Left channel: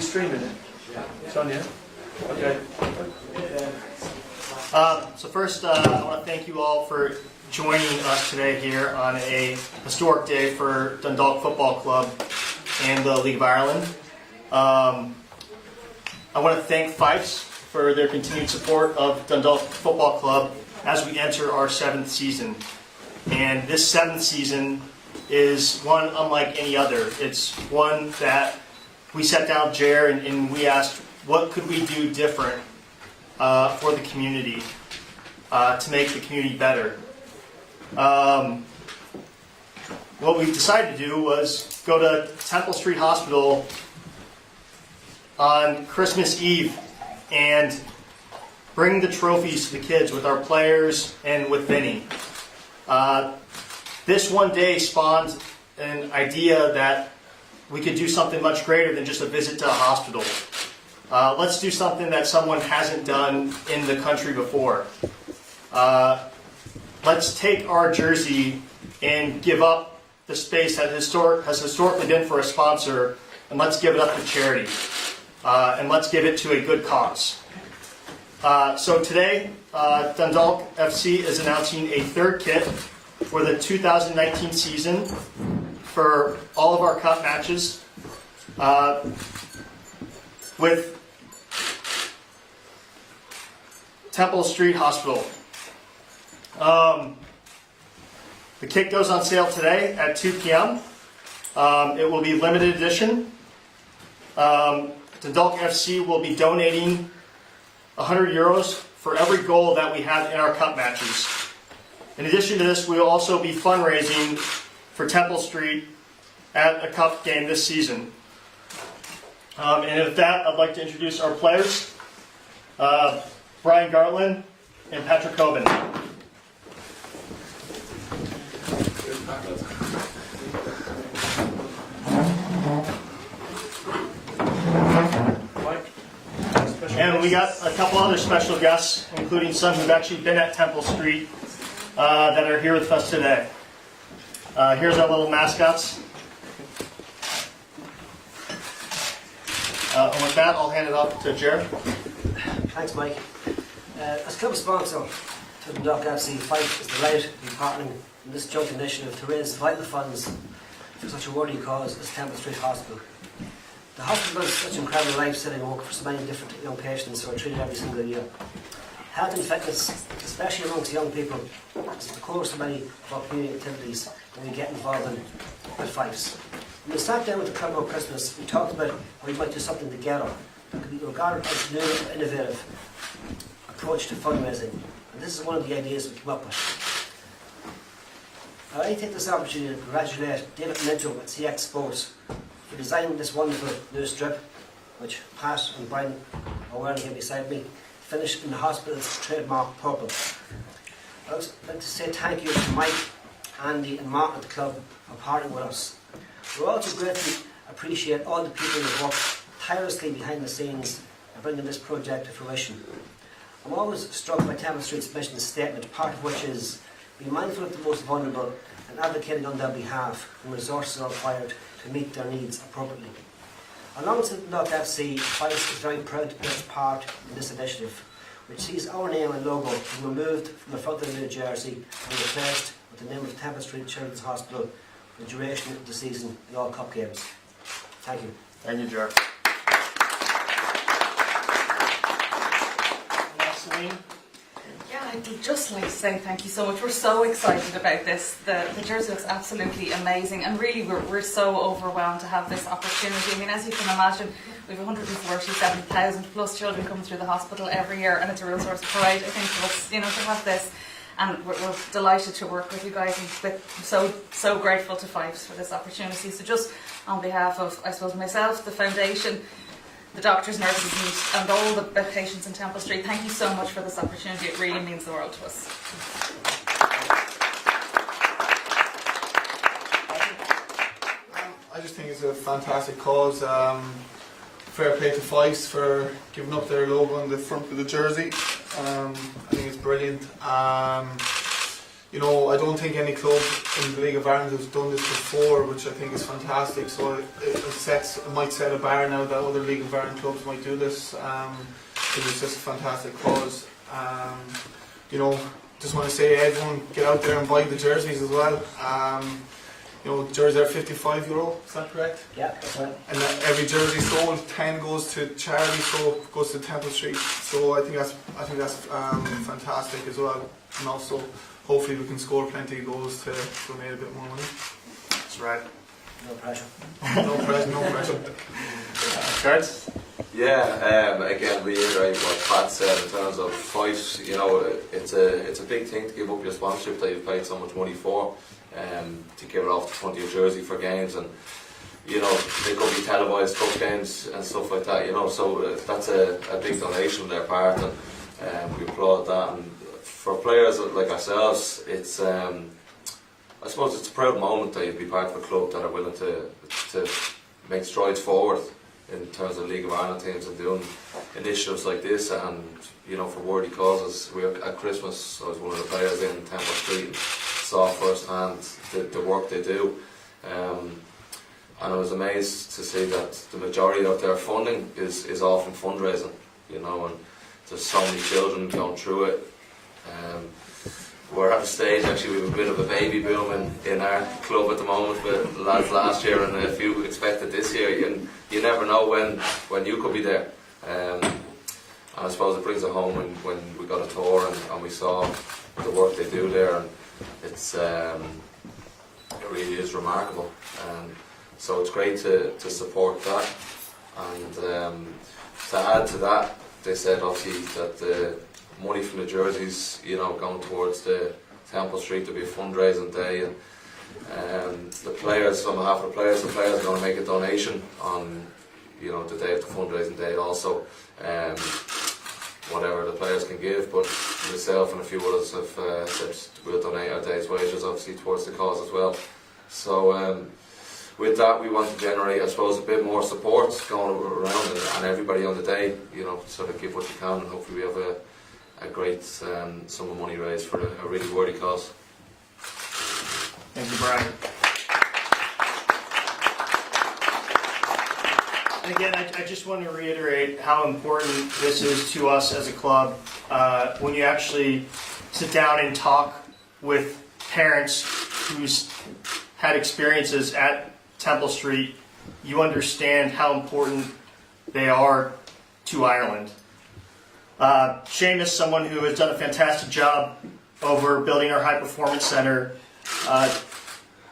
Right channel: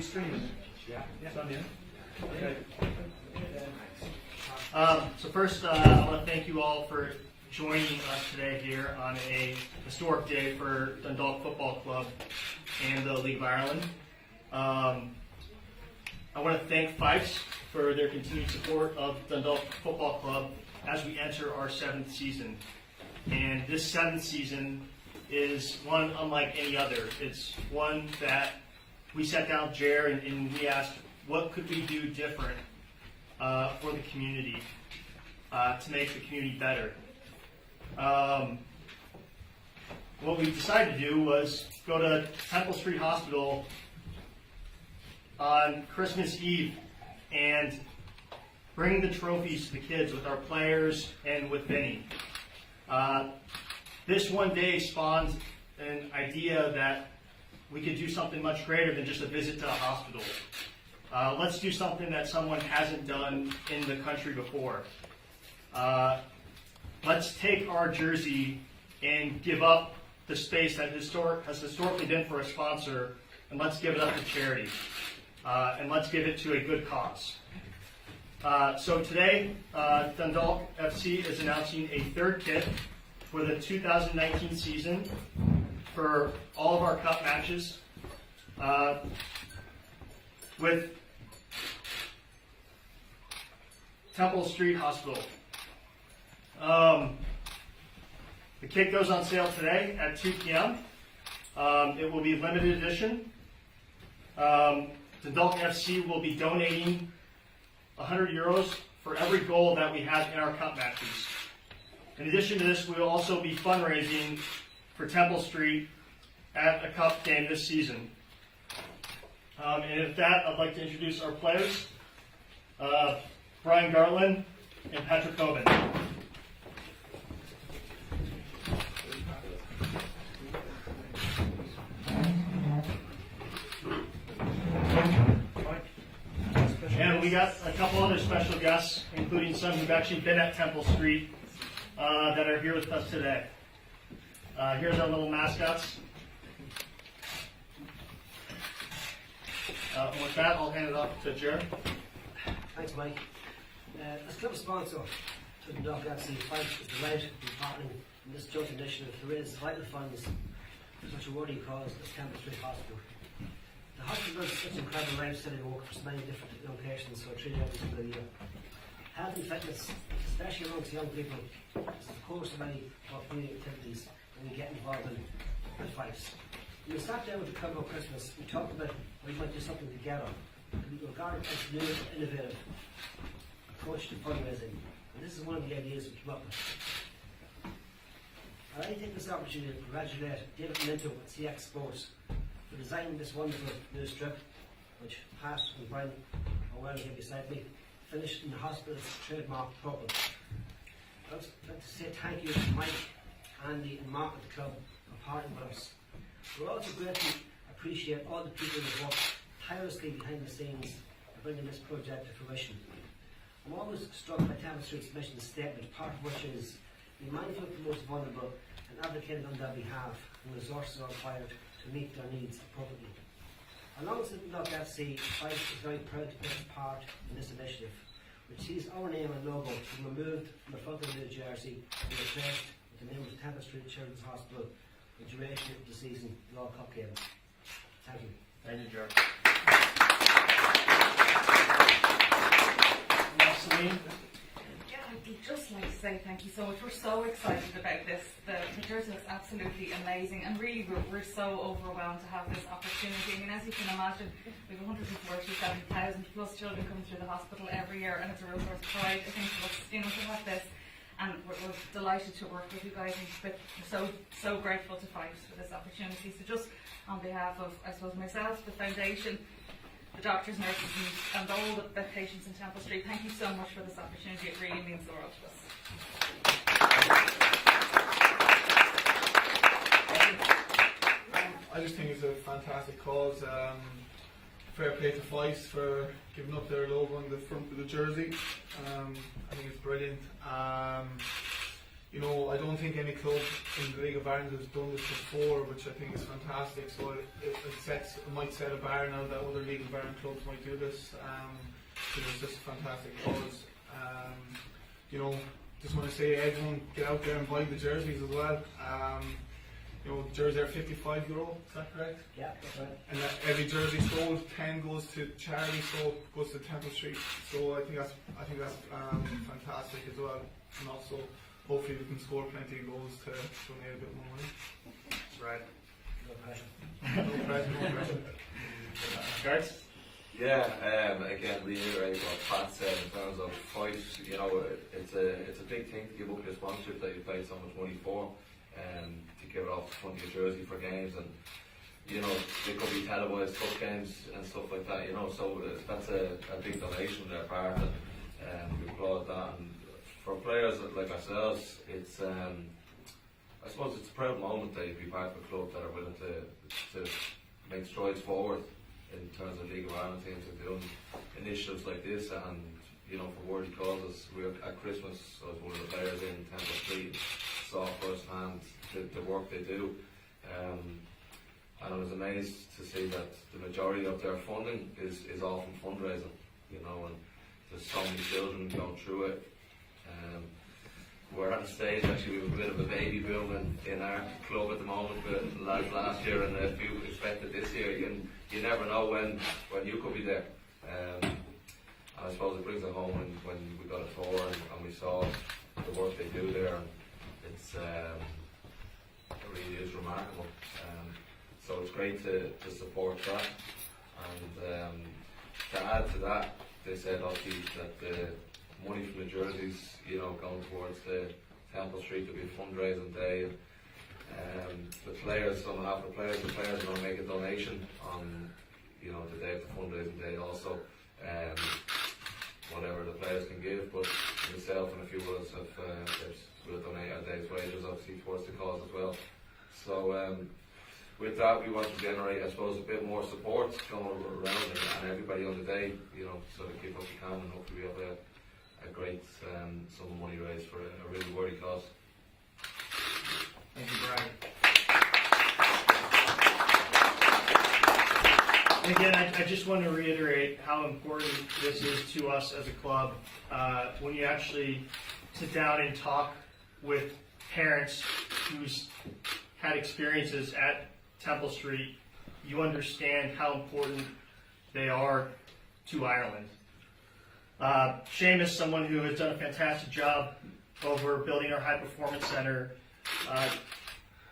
we streaming it? It's on, yeah? Okay. So first, I want to thank you all for joining us today here on a historic day for Dundalk Football Club and the League of Ireland. I want to thank Fyffes for their continued support of Dundalk Football Club as we enter our 7th season. And this 7th season is one unlike any other. It's one that we sat down, Jer, and we asked, what could we do different for the community to make the community better? What we decided to do was go to Temple Street Hospital on Christmas Eve and bring the trophies to the kids with our players and with Vinny. This one day spawned an idea that we could do something much greater than just a visit to a hospital. Let's do something that someone hasn't done in the country before. Let's take our jersey and give up the space that has historically been for a sponsor, and let's give it up to charity. And let's give it to a good cause. So today, Dundalk FC is announcing a 3rd kit for the 2019 season for all of our cup matches with Temple Street Hospital. The kit goes on sale today at 2 p.m. It will be limited edition. Dundalk FC will be donating €100 for every goal that we have in our cup matches. In addition to this, we will also be fundraising for Temple Street at a cup game this season. And with that, I'd like to introduce our players, Brian Gartland and Patrick Coben. And we got a couple other special guests, including some who've actually been at Temple Street that are here with us today. Here's our little mascots. And with that, I'll hand it off to Jared. Thanks, Mike. As club sponsor to Dundalk FC, Fyffes is delighted to be partnering in this joint initiative to raise vital funds for such a worthy cause as Temple Street Hospital. The hospital does such incredible life-saving work for so many different young patients who are treated every single year. Health and fitness, especially amongst young people, is the core of many of our community activities that we get involved in at Fyffes. When we sat down with the club over Christmas, we talked about how we might do something together that could be regarded as a new and innovative approach to fundraising. And this is one of the ideas we came up with. I take this opportunity to congratulate David Minto at CX Sports for designing this wonderful new strip, which Pat and Brian are wearing here beside me, finished in the hospital's trademark purple. I'd also like to say thank you to Mike, Andy and Mark at the club for partnering with us. We also greatly appreciate all the people who work tirelessly behind the scenes in bringing this project to fruition. I'm always struck by Temple Street's mission statement, part of which is be mindful of the most vulnerable and advocating on their behalf when resources are required to meet their needs appropriately. Alongside Dundalk FC, Fyffes is very proud to play its part in this initiative, which sees our name and logo being removed from the front of the new jersey and replaced with the name of Temple Street Children's Hospital for the duration of the season in all cup games. Thank you. Thank you, Jared. Yeah, I'd just like to say thank you so much. We're so excited about this. The jersey looks absolutely amazing, and really we're so overwhelmed to have this opportunity. I mean, as you can imagine, we have 147,000 plus children coming through the hospital every year, and it's a real source of pride, I think, for us, to have this. And we're delighted to work with you guys, and so grateful to Fyffes for this opportunity. So just on behalf of, I suppose, myself, the foundation, the doctors, nurses and all the patients in Temple Street, thank you so much for this opportunity. It really means the world to us. I just think it's a fantastic cause. Fair play to Fyffes for giving up their logo on the front of the jersey. I think it's brilliant. you know, I don't think any club in the League of Ireland has done this before, which I think is fantastic. So it might set a bar now that other League of Ireland clubs might do this. It's just a fantastic cause. You know, just want to say everyone get out there and buy the jerseys as well. You know, the jerseys are €55, is that correct? Yeah, that's right. And every jersey sold, 10 goes to charity, so goes to Temple Street. So I think that's fantastic as well. And also, hopefully we can score plenty of goals to donate a bit more money. That's right. No pressure. No pressure, no pressure. Cards? Yeah, again, reiterate what Pat said in terms of Fyffes. You know, it's a big thing to give up your sponsorship that you've paid so much money for, to give it off the front of your jersey for games, and you know, they could be televised cup games and stuff like that. You know, so that's a big donation on their part, and we applaud that. And for players like ourselves, it's I suppose it's a proud moment that you'd be part of a club that are willing to make strides forward in terms of League of Ireland teams and doing initiatives like this, and you know, for worthy causes. At Christmas, I was one of the players in Temple Street and saw firsthand the work they do, and I was amazed to see that the majority of their funding is all from fundraising. You know, and there's so many children going through it. We're at a stage, actually, we have a bit of a baby boom in our club at the moment with lads last year and a few expected this year. You never know when you could be there. And I suppose it brings it home when we got a tour and we saw the work they do there, and it really is remarkable. So it's great to support that. And to add to that, they said obviously that the money from the jerseys, you know, going towards the Temple Street to be a fundraising day, and the players, on behalf of the players are going to make a donation on, you know, the day of the fundraising day also, whatever the players can give. But myself and a few others have said we'll donate our day's wages obviously towards the cause as well. So with that, we want to generate, I suppose, a bit more support going around, and everybody on the day, you know, sort of give what you can, and hopefully we have a great sum of money raised for a really worthy cause. Thank you, Brian. And again, I just want to reiterate how important this is to us as a club. When you actually sit down and talk with parents who's had experiences at Temple Street, you understand how important they are to Ireland. Shane is someone who has done a fantastic job over building our high performance center.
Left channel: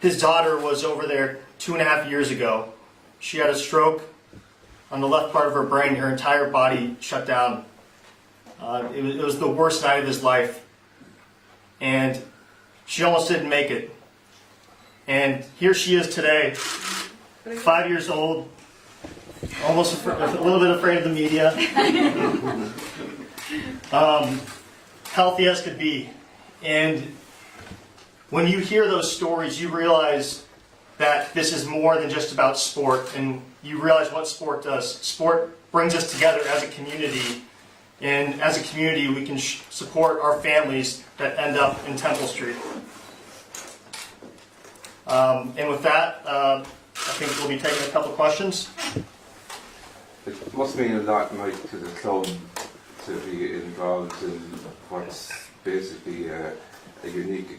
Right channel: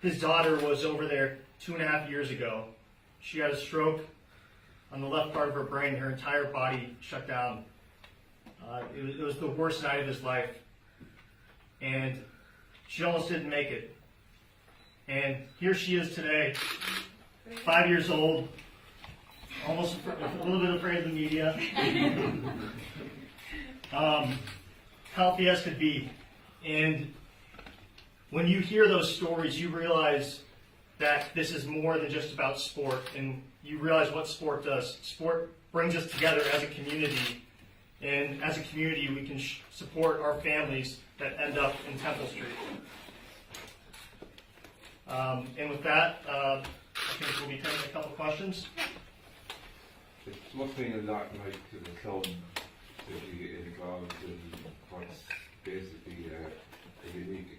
His daughter was over there 2.5 years ago. She had a stroke on the left part of her brain. Her entire body shut down. It was the worst night of his life, and she almost didn't make it. And here she is today, 5 years old, almost a little bit afraid of the media. Healthy as could be. And when you hear those stories, you realize that this is more than just about sport, and you realize what sport does. Sport brings us together as a community, and as a community we can support our families that end up in Temple Street. And with that, I think we'll be taking a couple questions. It must mean a lot, Mike, to the club to be involved in what's basically a unique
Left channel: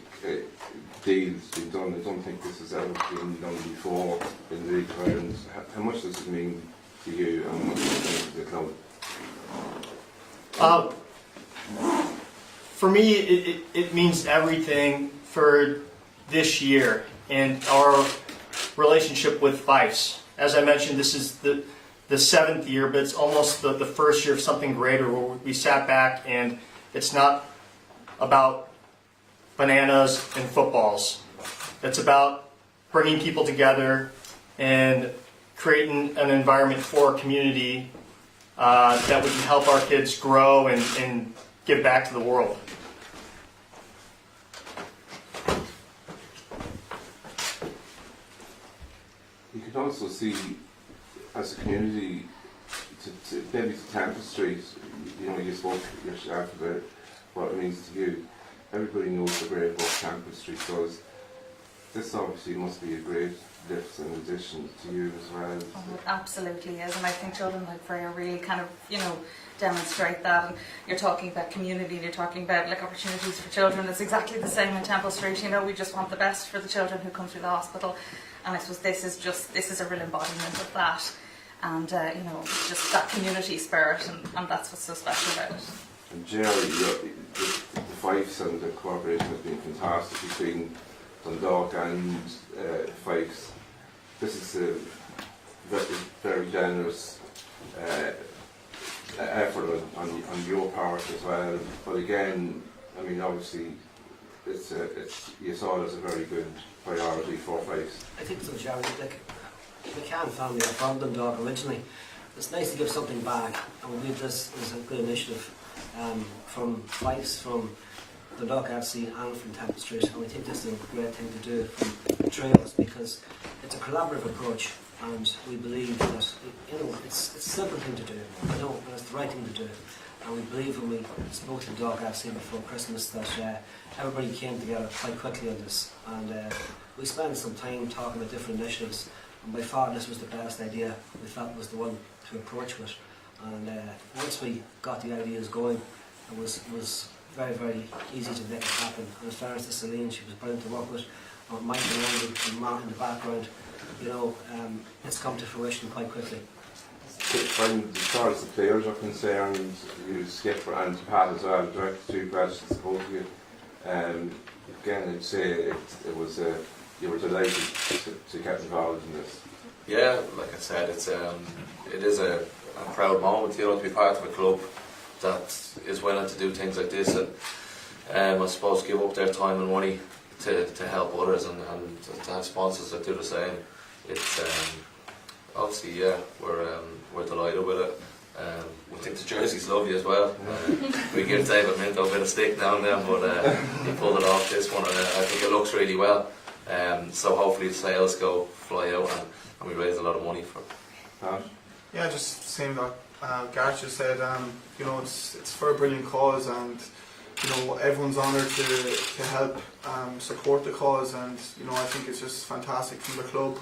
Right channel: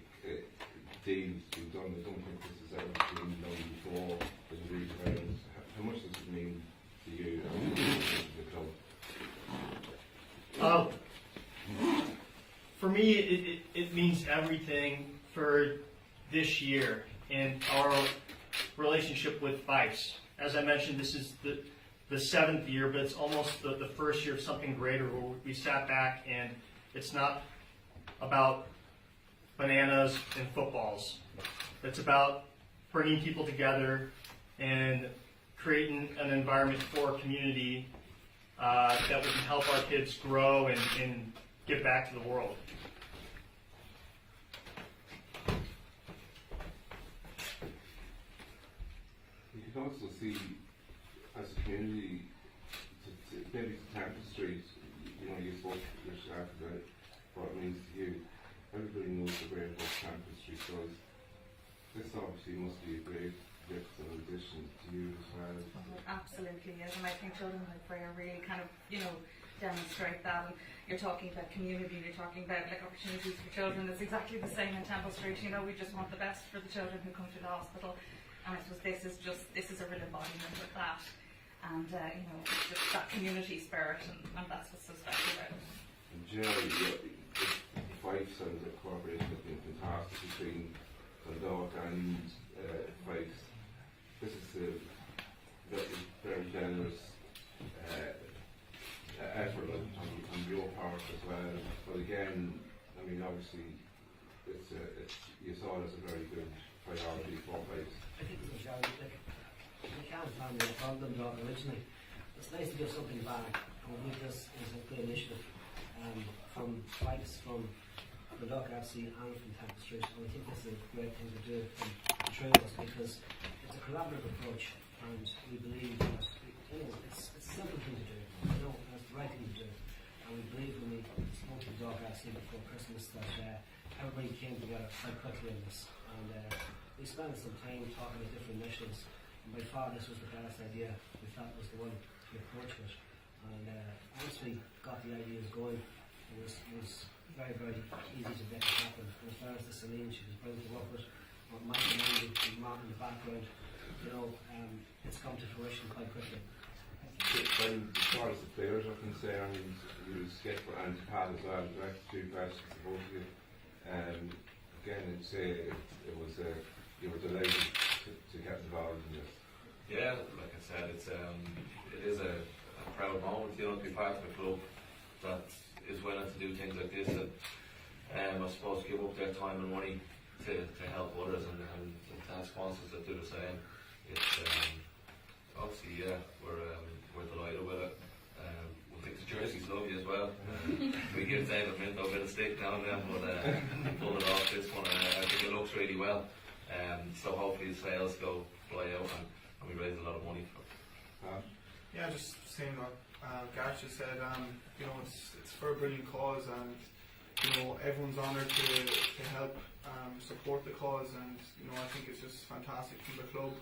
deal being done. I don't think this has ever been done before in the League of Ireland. How much does it mean to you, and what does it mean to the club? For me, it means everything for this year and our relationship with Fyffes. As I mentioned, this is the 7th year, but it's almost the first year of something greater, where we sat back and it's not about bananas and footballs. It's about bringing people together and creating an environment for our community that we can help our kids grow and give back to the world. You could also see, as a community, maybe to Temple Street, you know, you spoke yourself about what it means to you. everybody knows the great work Temple Street does. This obviously must be a great lift in addition to you as well. Oh, it absolutely is, and I think children like Freya really kind of, demonstrate that. And you're talking about community, and you're talking about like opportunities for children. It's exactly the same in Temple Street. We just want the best for the children who come through the hospital, and I suppose this is a real embodiment of that. And it's just that community spirit, and that's what's so special about it. And Jerry, the Fyffes and the cooperation has been fantastic between Dundalk and Fyffes. This is a very generous effort on your part as well. But again, I mean, obviously, you saw it as a very good priority for Fyffes. I think so, Jerry. Like, the Can family are from Dundalk originally. It's nice to give something back, and we believe this is a good initiative from Fyffes, from Dundalk FC and from Temple Street, and we think this is a great thing to do from Trails, because it's a collaborative approach, and we believe that it's a simple thing to do, and it's the right thing to do. And we believe when we spoke to Dundalk FC before Christmas that everybody came together quite quickly on this, and we spent some time talking about different initiatives, and by far this was the best idea we felt was the one to approach with. And once we got the ideas going, it was very, very easy to make it happen. And as far as the Celine, she was brilliant to work with. Mike and Andy and Mark in the background, it's come to fruition quite quickly. And as far as the players are concerned, you Skip and Pat as well, direct two questions to both of you. Again, I'd say you were delighted to get involved in this. Yeah, like I said, it is a proud moment, to be part of a club that is willing to do things like this, and I suppose give up their time and money to help others, and to have sponsors that do the same. It's obviously, yeah, we're delighted with it. We think the jerseys lovely as well. We give David Minto a bit of stick down there, but he pulled it off this one, and I think it looks really well. So hopefully the sales fly out, and we raise a lot of money for it. Yeah, just saying that Gareth just said, it's for a brilliant cause, and everyone's honoured to help support the cause, and I think it's just fantastic from the club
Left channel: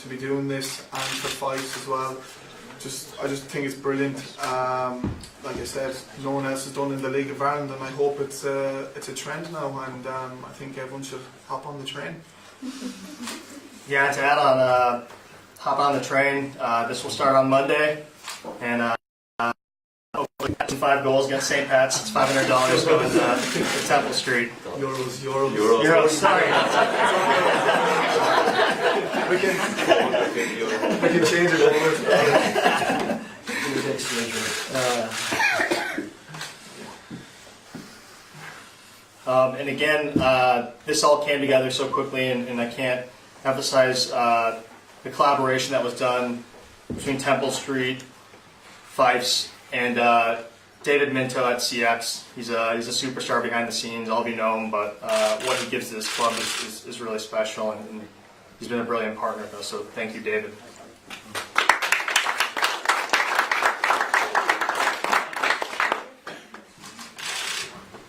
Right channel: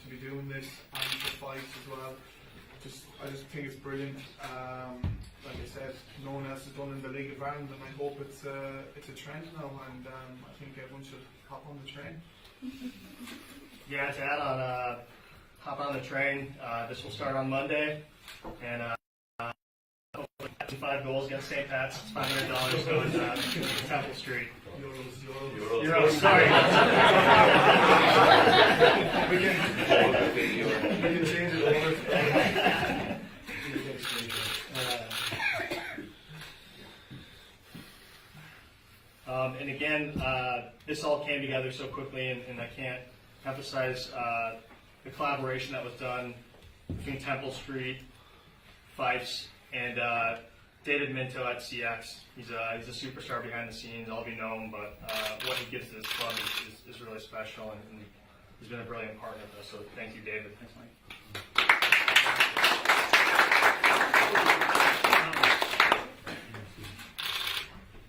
to be doing this, and for Fyffes as well. I just think it's brilliant. Like I said, no one else has done in the League of Ireland, and I hope it's a trend now, and I think everyone should hop on the train. Yeah, to add on, hop on the train. This will start on Monday, and hopefully 5 goals against St. Pat's. It's $500 going to Temple Street. Euros. Sorry. We can change it over. And again, this all came together so quickly, and I can't emphasize the collaboration that was done between Temple Street, Fyffes, and David Minto at CX. He's a superstar behind the scenes. All of you know him, but what he gives to this club is really special, and he's been a brilliant partner with us. So thank you, David.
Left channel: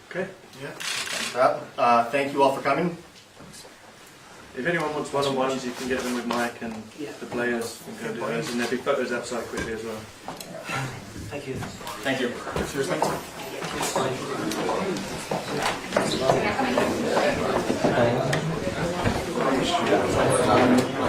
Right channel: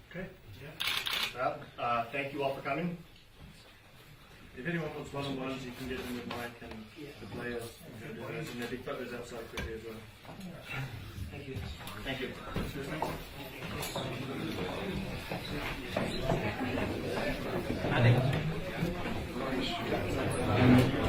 Okay. Yeah. Thank you all for coming. If anyone wants one-on-ones, you can get them with Mike and the players, and go do those, and there'll be photos outside quickly as well. Thank you. Thank you. Cheers, thanks.